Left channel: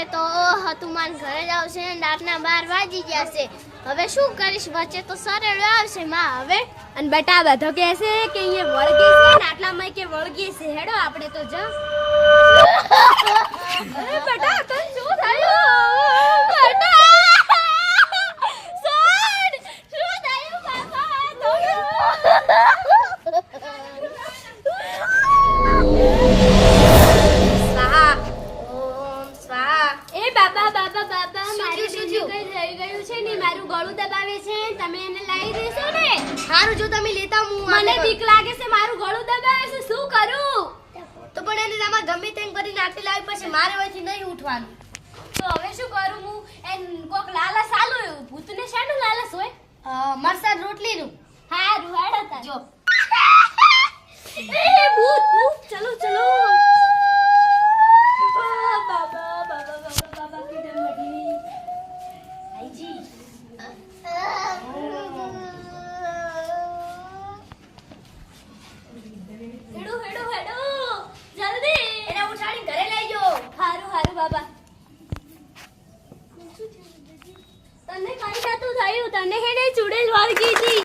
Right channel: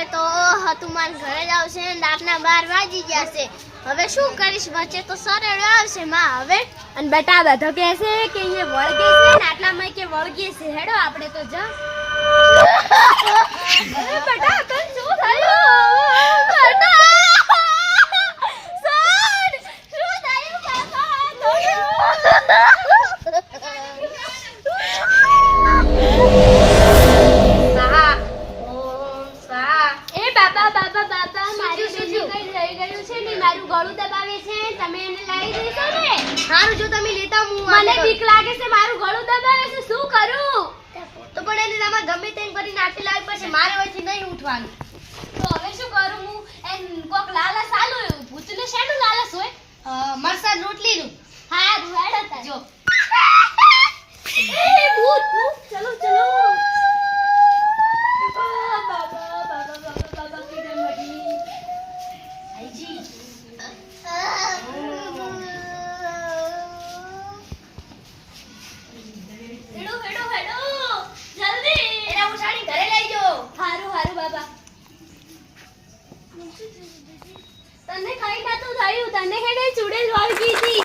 અત્યારે તો તું મારા ઘરે જ આવશે ને રાતના 12 વાગી ગયા છે. હવે શું કરીશ? વચ્ચે તો સરળ આવશે માં હવે. અને બેટા બધો કહે છે કે અહીંયા વળગે છે ને આટલામાં કે વળગે છે. હેડો આપણે તો જા. અરે બેટા તને શું થયું? બેટા સર શું થયું બાપા? સ્વાહા ઓમ સ્વાહા. એ બાબા બાબા બાબા મારું શું કઈ રહી ગયું છે ને મારું ગળું દબાવે છે. તમે એને લાવી દેશો ને? હારું જો તમે લેતા હું મને બીક લાગે છે. મારું ગળું દબાવે છે. શું કરું? તો પણ એને આમાં ગમે તેમ કરીને આટલી લાવી પછી મારે હોયથી નહીં ઉઠવાનું. તો હવે શું કરું હું? એન કોક લાલસ આલો એવું. ભૂતને શાનું લાલસ હોય? મરસાદ રોટલીનું. હારું હેડો તાર. જો એ ભૂત ભૂત ચલો ચલો. બાબા બાબા બાબા બાબા કીધે મરી. આઈજી હેડો હેડો હેડો જલ્દી. એને ઉઠાડી ઘરે લઈ જાઓ. હારું હારું બાબા. તને કઈ નતું થયું. તને હેડે ચૂડેલ વાળગી હતી.